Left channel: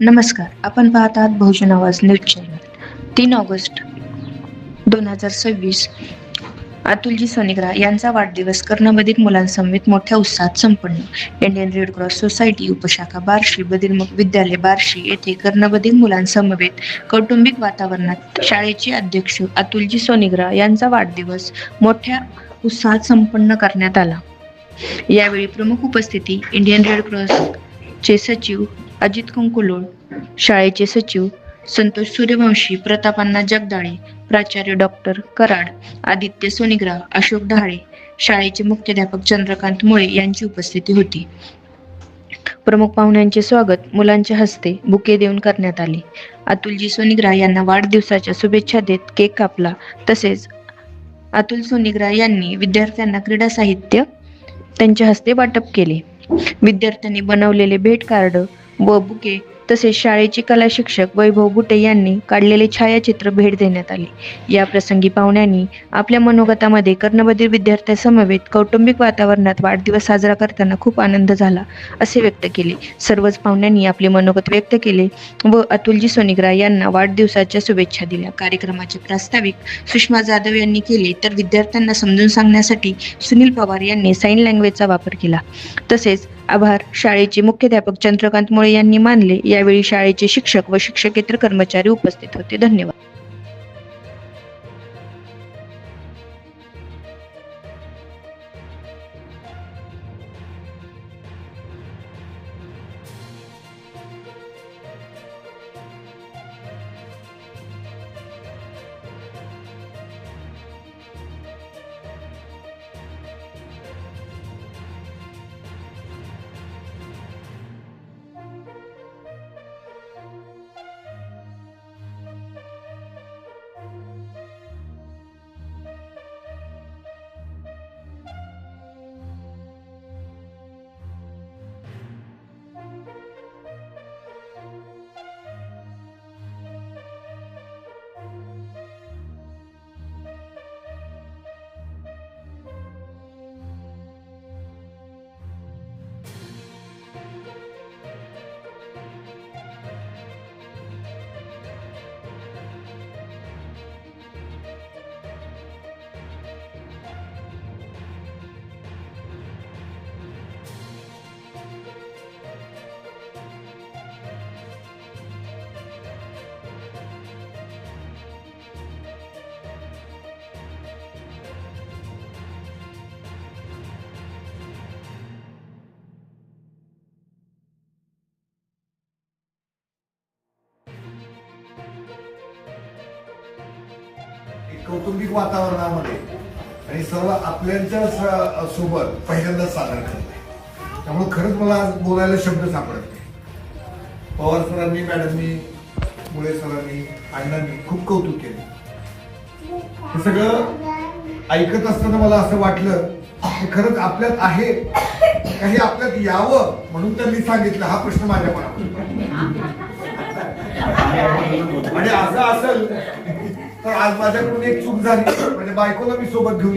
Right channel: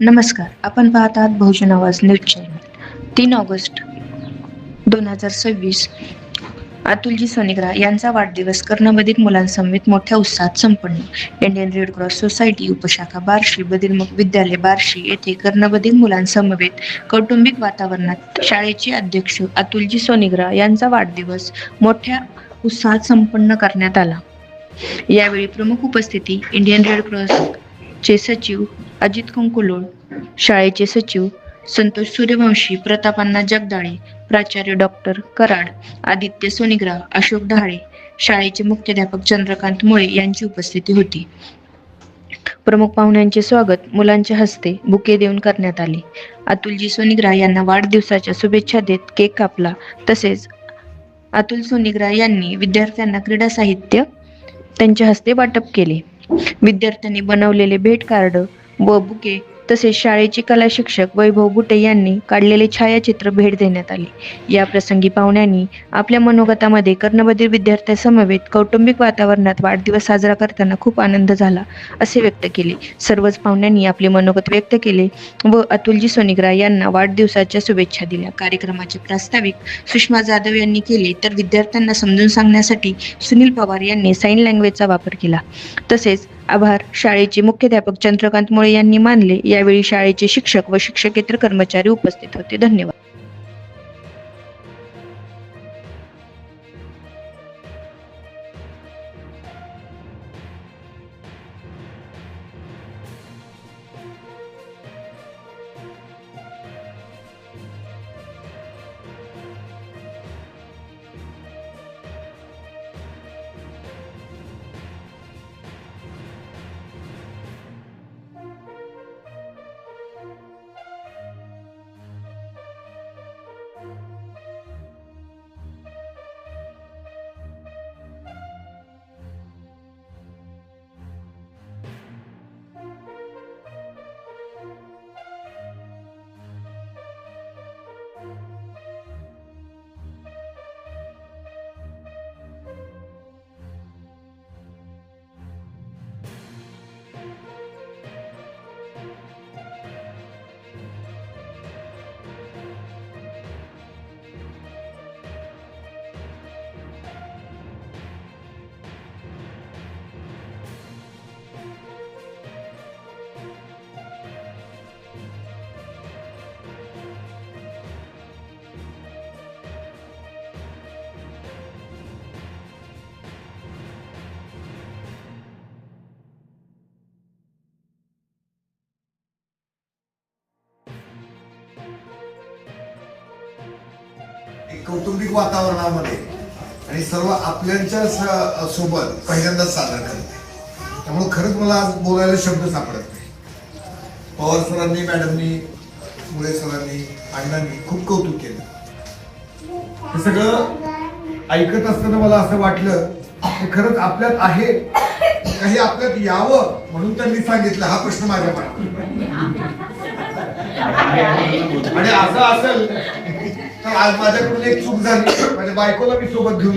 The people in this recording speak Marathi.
नमस्कार. आपण पाहत आहात Bahujan Awaaz news channel. 3 August 2026 अतुलजी सोनिग्रा यांचा वाढदिवस कर्णबधिर मुलांसमवेत मोठ्या उत्साहात संपन्न. इंडियन रेड क्रॉस सोसायटी उपशाखा बार्शी बदिरमुख विद्यालय बार्शी येथे कर्णबधिर मुलांसमवेत कौटुंबिक वातावरणात शाळेचे अध्यक्ष अतुलजी सोनिग्रा यांचा वाढदिवस मोठ्या उत्साहात संपन्न करण्यात आला. यावेळी प्रमुख उपस्थिती इंडियन रेड क्रॉस चे सचिव अजित कंकुलोळ, शाळेचे सचिव संतोष सूर्यवंशी, प्रताप अण्णा जगदाळे, प्राचार्य डॉक्टर कराड, आदित्य सोनिग्रा, अशोक ढाळे, शाळेचे मुख्याध्यापक चंद्रकांत मुळे यांची उपस्थिती होती. प्रमुख पाहुण्यांचे स्वागत मुलांच्या हस्ते बुके देऊन करण्यात आले. अतुलजी सोनिग्रा यांना वाढदिवसाच्या शुभेच्छा देत केक कापला. तसेच अतुल सोनिग्रा यांनी विद्यार्थ्यांना क्रीडा साहित्य त्यांच्या हस्ते वाटप केले. विद्यार्थ्यांनी बनवलेले भेट कार्ड व बुके तसेच शाळेचे कला शिक्षक वैभव बुटे यांनी काढलेले छायाचित्र भेट देण्यात आले. या प्रसंगी पाहुण्यांनी आपल्या मनोगतामध्ये कर्णबधिर विद्यार्थ्यांसमवेत कौटुंबिक वातावरणात वाढदिवस साजरा करताना खूप आनंद झाला असे व्यक्त केले. सर्वच पाहुण्यांनी आपले मनोगत व्यक्त केले व अतुलजी सोनिग्रा यांना वाढदिवसाच्या शुभेच्छा दिल्या. कार्यक्रमाचे प्रास्ताविक सुषमा जाधव यांनी केले तर विद्यार्थ्यांना समजून सांगण्यासाठी सुनील पवार यांनी साइन लँग्वेजचा वापर केला. तसेच आभार शाळेचे मुख्याध्यापक चंद्रकांत मुळे यांनी मानले. यावेळी शाळेचे शिक्षक व शिक्षकेतर कर्मचारी उपस्थित होते. धन्यवाद. कौटुंबिक वातावरणामध्ये आणि सर्व आपल्यांच्या सोबत पहिल्यांदाच साजरा करते. त्यामुळे खरंच मला आज बोलायला शब्द सापडत नाही. पवार सरांनी, मॅडमनी, मुळे सरांनी, अण्णांनी खूप कौतुक केलं. हे सगळं ऐकत असताना मला असं वाटलं की खरंच आपल्यात आहे, काही आपल्यात यावं म्हणून त्यांनी सांगितलं. हा प्रश्न माझ्या मनात आणि असं असेल तर आज माझ्याकडून एक चूक झाली. माझ्या बायकोला मी सोबत घेऊन